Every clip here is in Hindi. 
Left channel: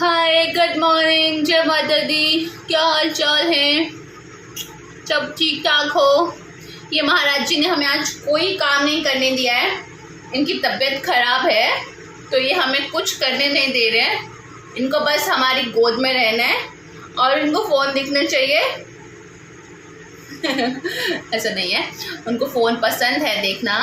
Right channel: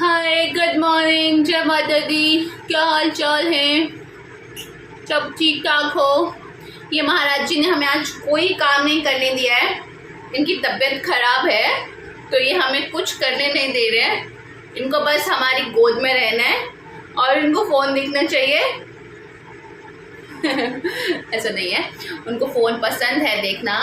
हाय, गुड मॉर्निंग, जय माता दी। क्या हाल चाल है? सब ठीक ठाक हो? ये महाराज जी ने हमें आज कोई काम नहीं करने दिया है। इनकी तबीयत खराब है तो ये हमें कुछ करने नहीं दे रहे हैं। इनको बस हमारी गोद में रहना है और इनको फ़ोन दिखना चाहिए। ऐसा नहीं है, उनको फ़ोन पसंद है देखना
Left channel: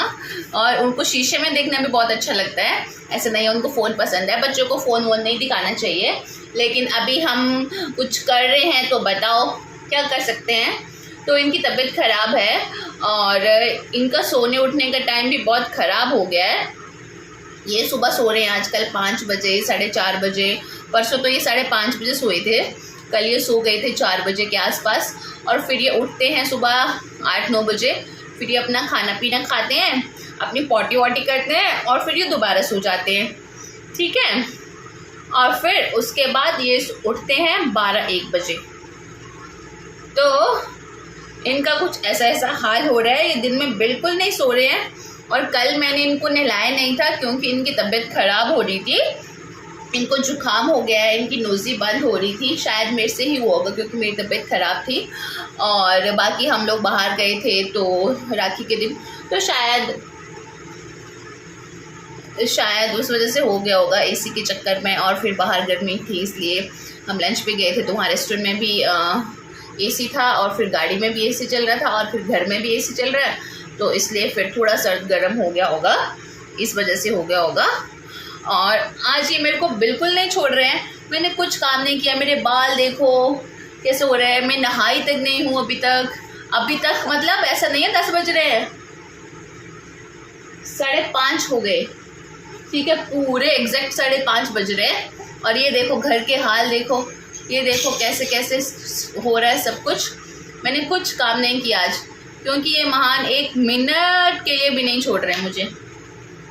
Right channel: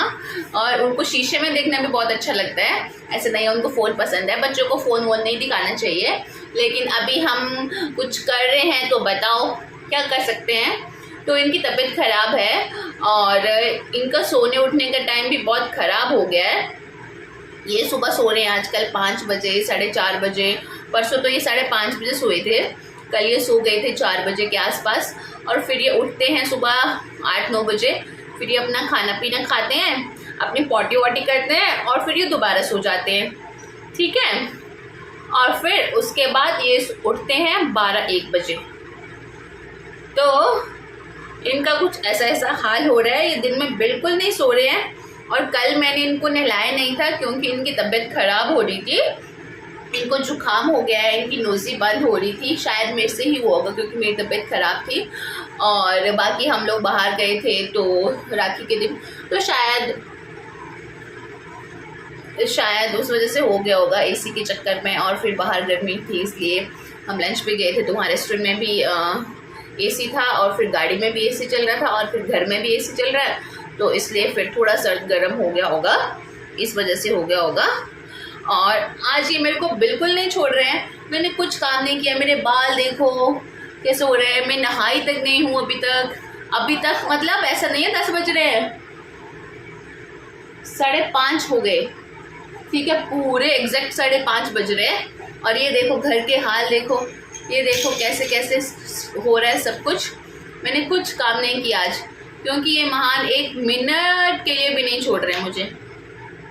और उनको शीशे में देखना भी बहुत अच्छा लगता है। ऐसा नहीं है, उनको फ़ोन पसंद है। बच्चों को फ़ोन वोन नहीं दिखाना चाहिए, लेकिन अभी हम कुछ कर रहे हैं तो बताओ क्या कर सकते हैं। तो इनकी तबीयत ख़राब है और इनका सोने उठने का टाइम भी बहुत ख़राब हो गया है। ये सुबह सो रहे हैं आजकल 5 बजे, 4:30 बजे। परसों तो ये 5:30 बजे सोए थे, कल ये सो गए थे 4 बजे के आसपास। और फिर ये उठते हैं सुबह 8-9 बजे। फिर ये अपना खाना पीना खाते हैं, अपनी पॉटी वॉटी करते हैं और फिर ये दोबारा सो जाते हैं, ठीक है। और फिर उसके बाद ये उठते हैं 12-1 बजे। तो इनका कुछ ऐसा हाल हो रहा है, ये दिन में बिल्कुल नहीं सो रहे हैं। और कल मैंने इनको नहलाया नहीं था क्योंकि इनकी तबीयत ख़राब हो रही थी। इनको जुकाम हो गया है, इनकी नोज़ी बंद हो रही थी। शायद मेरे से ही हुआ होगा क्योंकि मेरी तबीयत ख़राब थी और बाकी हम लोग बाहर गए थे तो राखी के दिन, तो शायद उस वजह से हो गया होगा एसी के चक्कर में। और फिर बाहर गर्मी थी इसलिए हम लंच पे गए थे तो वहाँ रेस्टोरेंट में भी एसी था और फिर गाड़ी में भी एसी चल रहा था और फिर घर में भी एसी चल रहा है, तो इसलिए फिर थोड़ा सर्द गर्म हो गया होगा, इस वजह से हो गया होगा। और आज ये मेरे को बिल्कुल नहीं छोड़ रहे हैं। मैंने कुछ काम नहीं किया, मेरे बाल देखो कैसे हो रहे हैं। मैं नहाई तक नहीं हूँ अभी तक मतलब ऐसा नहीं है 10 बज रहे हैं, 5:30 हो गए, ठीक है, पूरे एग्जैक्ट 5:30 बज रहे हैं। और ये देखो घर के हाल देखो, ये देखो कैसे कैसे हो रहा है सब कुछ। मैंने कुछ काम नहीं किया आज क्योंकि ये महान 1 मिनट के लिए भी नहीं छोड़ रहे हैं मुझे।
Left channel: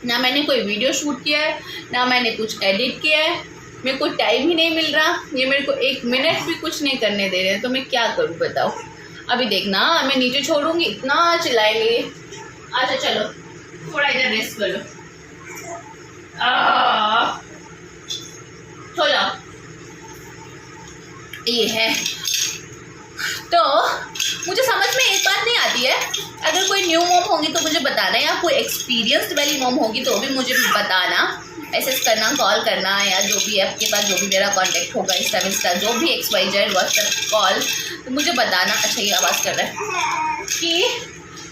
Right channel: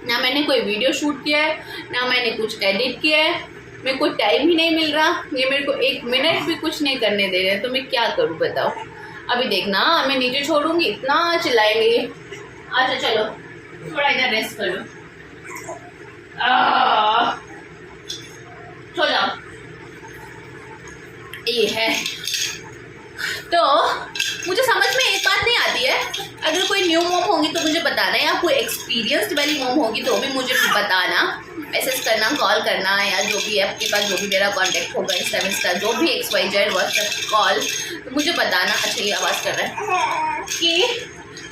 ना मैंने कोई वीडियो शूट किया है, ना मैंने कुछ एडिट किया है। मेरे को टाइम ही नहीं मिल रहा। ये मेरे को 1 मिनट भी कुछ नहीं करने दे रहे हैं, तो मैं क्या करूं बताओ। अभी देखना मैं नीचे छोड़ूंगी, इतना चिल्लाएंगे। अच्छा चलो थोड़ा इधर रेस्ट कर लो, सो जाओ। ये है तो मुझे समझ में एक बात नहीं आती है, अगर कोई न्यू मॉम होंगी तो मुझे बताना, या कोई एक्सपीरियंस्ड वाली मॉम होगी तो भी मुझे बताना, मैसेज करना, कॉल करना, या जो भी आपके पास जो भी मेरा कांटेक्ट होगा इंस्टा जो भी XYZ व्हाट्सएप कॉल, तो मुझे बताना। अच्छा ये आवाज़ कर रहा है कि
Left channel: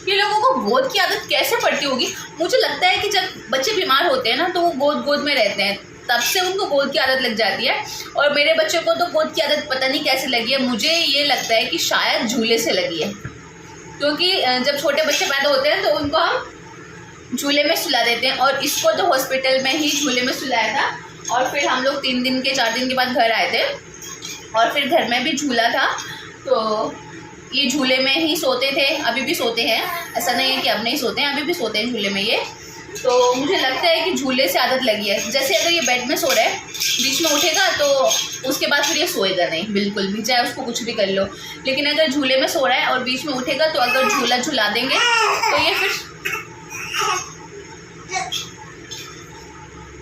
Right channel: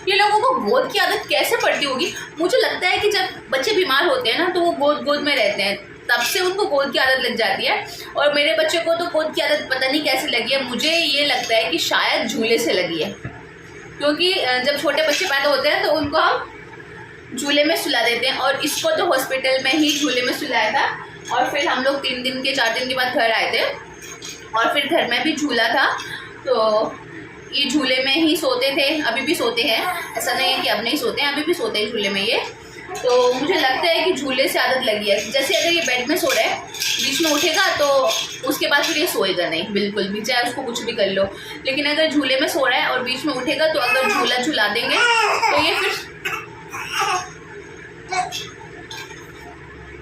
ये लोगों को गोद की आदत कैसे पड़ती होगी। मुझे लगता है कि जब बच्चे बीमार होते हैं ना तो वो गोद में रहते हैं, तब से उनको गोद की आदत लग जाती है। और मेरे बच्चे को तो गोद की आदत पता नहीं कैसे लगी है। मुझे ये लगता है कि शायद झूले से लगी है, क्योंकि जब छोटे बच्चे पैदा होते हैं तो उनको हम झूले में सुला देते हैं। और इसको तो हॉस्पिटल में ही झूले में सुलाया था और फिर हम लोग 4 दिन के बाद घर आए थे और फिर घर में भी झूला था, तो ये झूले में ही सोते थे। अभी भी सोते हैं, ऐसा नहीं है कि अब नहीं सोते हैं, अभी भी सोते हैं झूले में ये। तो मुझे लगता है कि झूले से आदत लगी है। जैसे अगर ये बेड में सो रहा है, बीच में उठेगा तो उसके बाद फिर ये सोएगा नहीं बिल्कुल भी, चाहे उसको कुछ भी कर लो। लेकिन अगर झूले में सो रहा है और बीच में उठेगा तो अगर झूला झुला देंगे तो ये फिर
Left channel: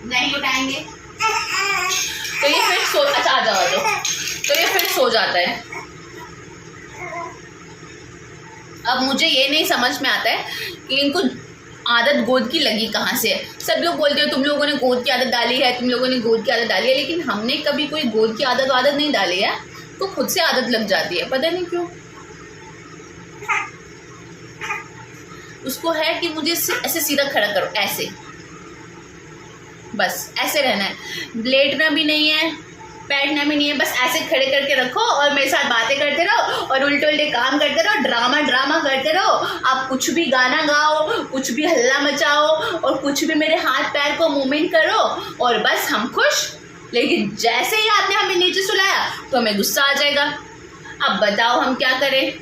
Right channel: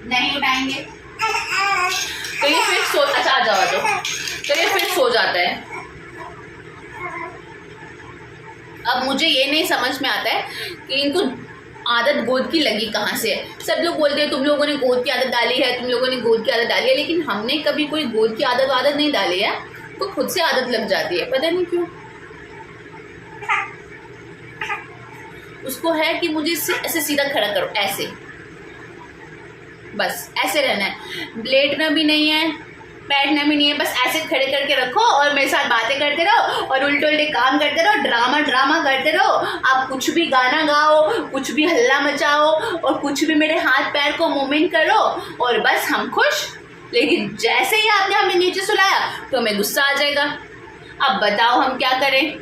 नहीं उठाएंगे, तो ये फिर सोता आ जाओ तो ये फिर सो जाता है। अब मुझे ये नहीं समझ में आता है कि इनको आदत गोद की लगी कहाँ से है। सब लोग बोलते हैं तुम लोगों ने गोद की आदत डाली है, तुम लोगों ने गोद की आदत डाली है, लेकिन हमने कभी कोई गोद की आदत नहीं डाली है। तो खुद से आदत लग जाती है, पता नहीं क्यों। उसको है कि मुझे ऐसे सीधा खड़ा करो, ऐसे बस ऐसे रहना है, लेटना भी नहीं है, बैठना भी नहीं है, बस ऐसे खड़े करके रखो और मेरे साथ बातें करते रहो और उल्टे काम करते रहो, ड्रामा करते रहो। आप कुछ भी गाना गाओ, कुछ भी हल्ला मचाओ और कुछ भी मेरे हाथ पैर को मूवमेंट करो और बस हम खुश। लेकिन जैसे ही आपने हमें नीचे सुलाया तो हमें गुस्सा आ जाएगा। अब बताओ हम क्या करें।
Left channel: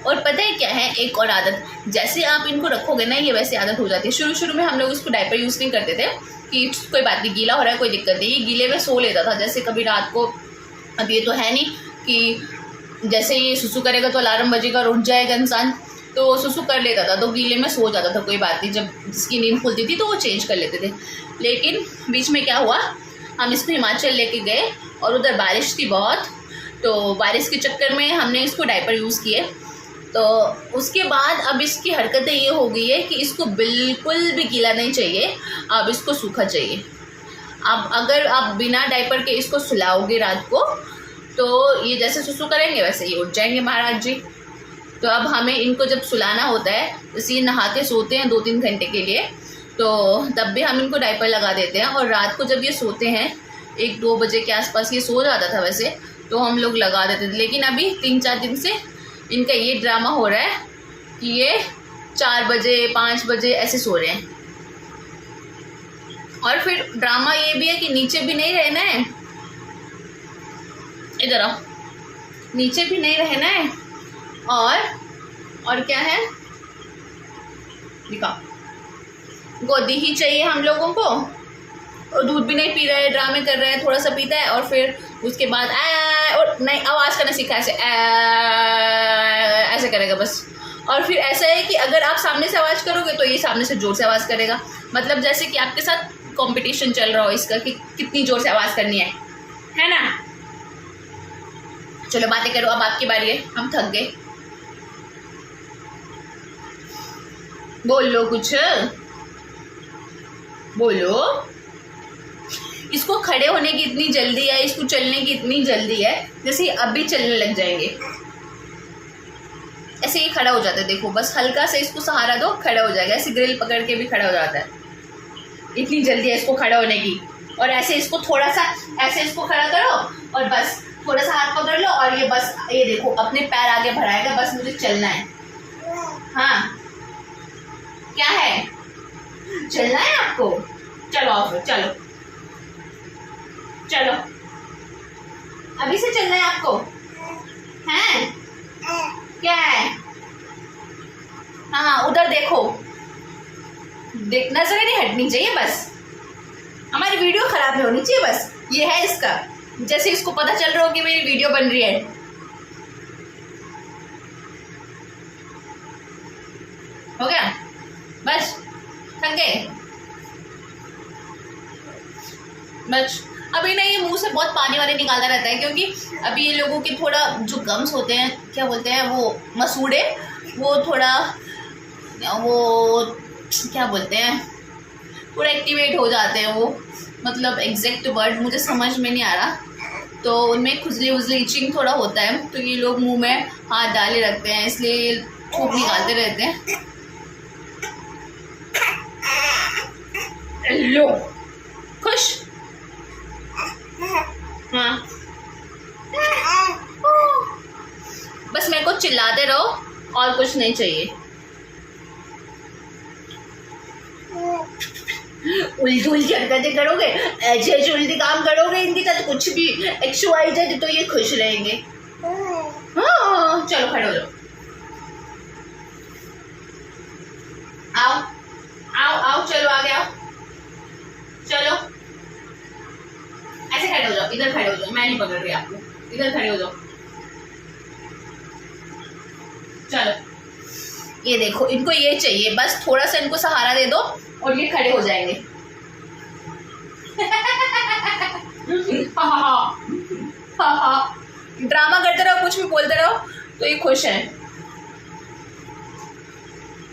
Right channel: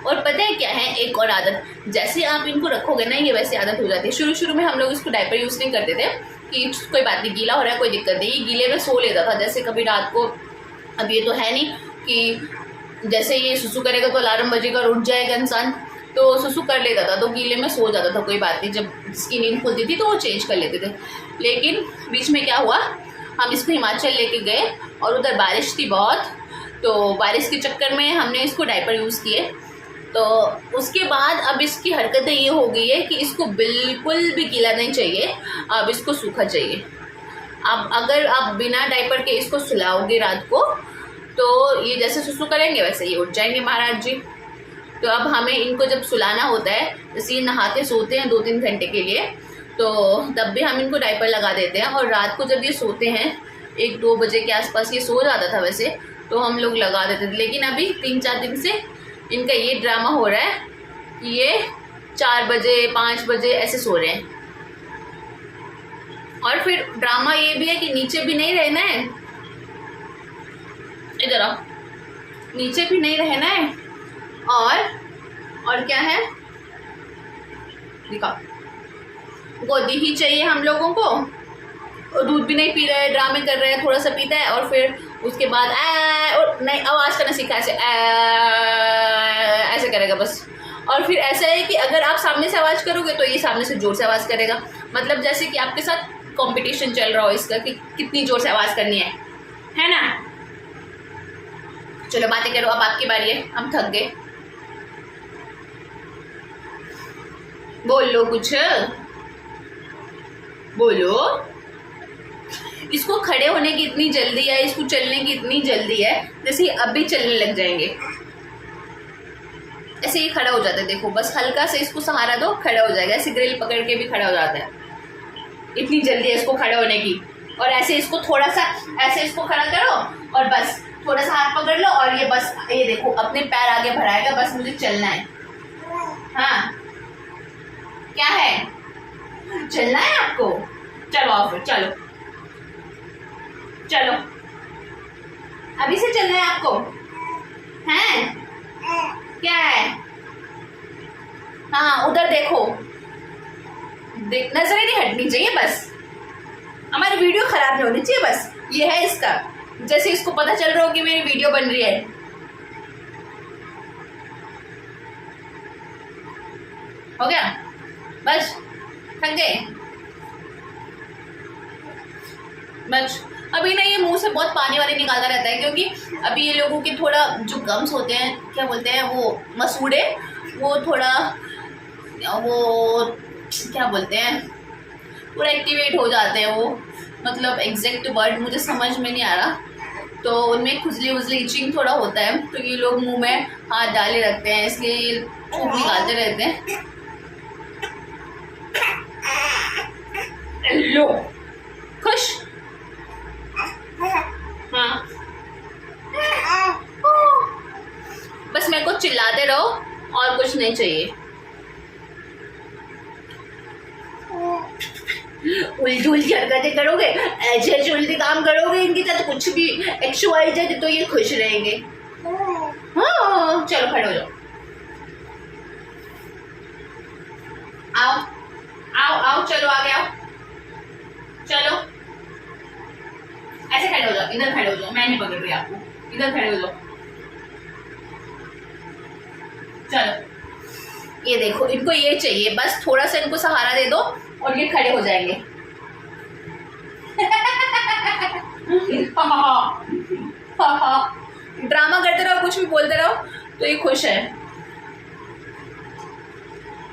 और पता है क्या है, एक और आदत, जैसे आप इनको रखोगे ना ये वैसे आदत हो जाती है। शुरू में हम लोग इसको डायपर यूज़ नहीं करते थे कि कोई बात नहीं, गीला हो रहा है कोई दिक्कत नहीं, ये गीले में सो लेता था। जैसे कभी रात को, अब ये तो है नहीं कि जैसे ये सुसु करेगा तो अलार्म बजेगा और उठ जाएगा इंसान, तो सुसु कर लेता था, तो गीले में सो जाता था, कोई बात नहीं, जब इसकी नींद खुलती थी तो वो चेंज कर लेते थे। लेकिन बीच में क्या हुआ, हम इसको हिमाचल लेके गए और उधर बारिश थी बहुत, तो बारिश के चक्कर में हमने इसको डायपर यूज़ किए। तो उसके बाद अब इसकी हरकतें ये हो गई है कि इसको बिल्कुल भी गीला नहीं चाहिए, अब इसको सूखा चाहिए। अब अगर आप बिना डायपर के इसको सुलाओगे रात को, तो ये जैसे सुसु करेंगे वैसे ही उठ जाएंगे महाराज जी। तो अब हमें इनको जब सुलाना होता है, जैसे ये नहाते सोते हैं 2-3 घंटे के लिए, तो तब भी हम इनको डायपर लगा देते हैं। और रात को जब ये सोते हैं 1-2 बजे के आसपास, ये सो जाता था वैसे, तो हम लोग लगा देते थे। लेकिन अभी 3-4 दिन से इनका ये ड्रामा हो रहा है कि ये 4 बजे 5 बजे ऐसे सो रहे हैं। और फिर ड्रामा ये भी है कि नीचे भी नहीं रहना है, इधर आओ, नीचे भी नहीं रहना है, और क्या है, दिखाओ, गोदी ही चाहिए हम लोगों को। और दूध भी नहीं पी रहा है, ड्रामे कर रहा है, थोड़ा सा पीता है और फिर उसके बाद और नहीं, आवाज़ करना सीखा ऐसे ऐसे करेगा बस। और फिर ऐसा है कि अगर आप सामने से आवाज़ करोगे तो ये सामने से ज़ोर से आवाज़ करेगा, मतलब जैसे कि आपके साथ कंपटीशन चल रहा हो इसका कि कितनी ज़ोर से आवाज़ करनी है ना। चलो बातें करो, अब आपकी बारी है, हम थक गए। बोल लो कुछ, बोलो। इसको खड़े होने की इतनी जल्दी है, इसको चलने की इतनी जल्दी है, जैसे अभी चलने लग जाएंगे। ऐसे ही खड़ा हो जाता है, देखो बस हल्का से इसको सहारा दो, खड़ा हो जाएगा। ऐसे ग्रिल पकड़ के भी खड़ा हो जाता है, इतनी जल्दी है इसको खड़ा होने की। और ऐसे इसको थोड़ा सा ऐसे इसको खड़ा करो और बस थोड़ा सा हाथ पकड़ लो और ये बस, ये देखो अपने पैर आगे बढ़ाएगा, बस मुझे चलना है। हाँ क्या है, चलना है आपको, चलो आओ फिर, चलो चलो, अभी से चलना है आपको, हैं क्या है। हाँ उधर देखो, नजरें नहीं हटनी चाहिए, बस हमारी वीडियो खराब नहीं होनी चाहिए, बस ये है इसका। जैसे इसको पता चल रहा हो कि मेरी वीडियो बन रही है। हो गया, बस थक गए, बस। अभी ना ये मुंह से बहुत पानी वानी निकालता रहता है, क्योंकि अभी ये लोगों के थोड़ा जो गम्स होते हैं, क्या बोलते हैं वो, मसूड़े, वो थोड़ा वो क्या बोलते हैं, पूरा एक्टिवेट हो जाते हैं वो, मतलब एग्जैक्ट वर्ड मुझे समझ में नहीं आ रहा। तो उनमें खुजली उजली इचिंग थोड़ा होता है, तो ये लोग मुंह में हाथ डाले रखते हैं, इसलिए ये थूक निकालते रहते हैं। लो खुश, हाँ बस मेरे को चिल्लाते रहो और कुछ नहीं चाहिए। उल्टी उल्टी हरकतें करोगे, ऐसे ऐसे उल्टी काम करोगे इनके साथ, कुछ भी XYZ, तो ये खुश रहेंगे। हाँ चलो खड़े हो जाओ, आओ आओ आओ, चलो आगे आओ, चलो ऐसे खड़े हो जाओ, इधर खड़े हो जाओ, मैं नहीं पकड़ रही आपको, इधर खड़े हो जाओ। चलो ये देखो, इनको ये चाहिए, बस थोड़ा सा इनको सहारा दे दो और ये खड़े हो जाएंगे। ड्रामा करते रहो, कुछ भी बोलते रहो, तो ये खुश है।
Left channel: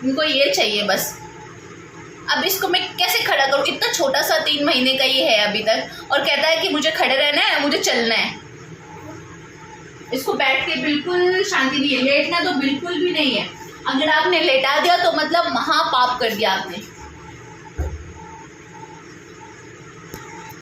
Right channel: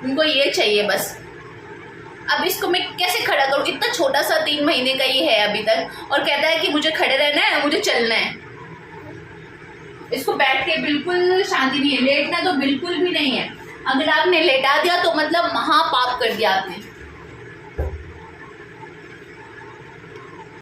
इनको ये चाहिए बस। अब इसको मैं कैसे खड़ा करूं, इतना छोटा सा 3 महीने का ही है अभी तक, और कहता है कि मुझे खड़े रहना है, मुझे चलना है। इसको बैठ के बिल्कुल शांति नहीं है, लेटना तो बिल्कुल भी नहीं है। अगर आपने लेटा दिया तो मतलब महापाप कर दिया आपने।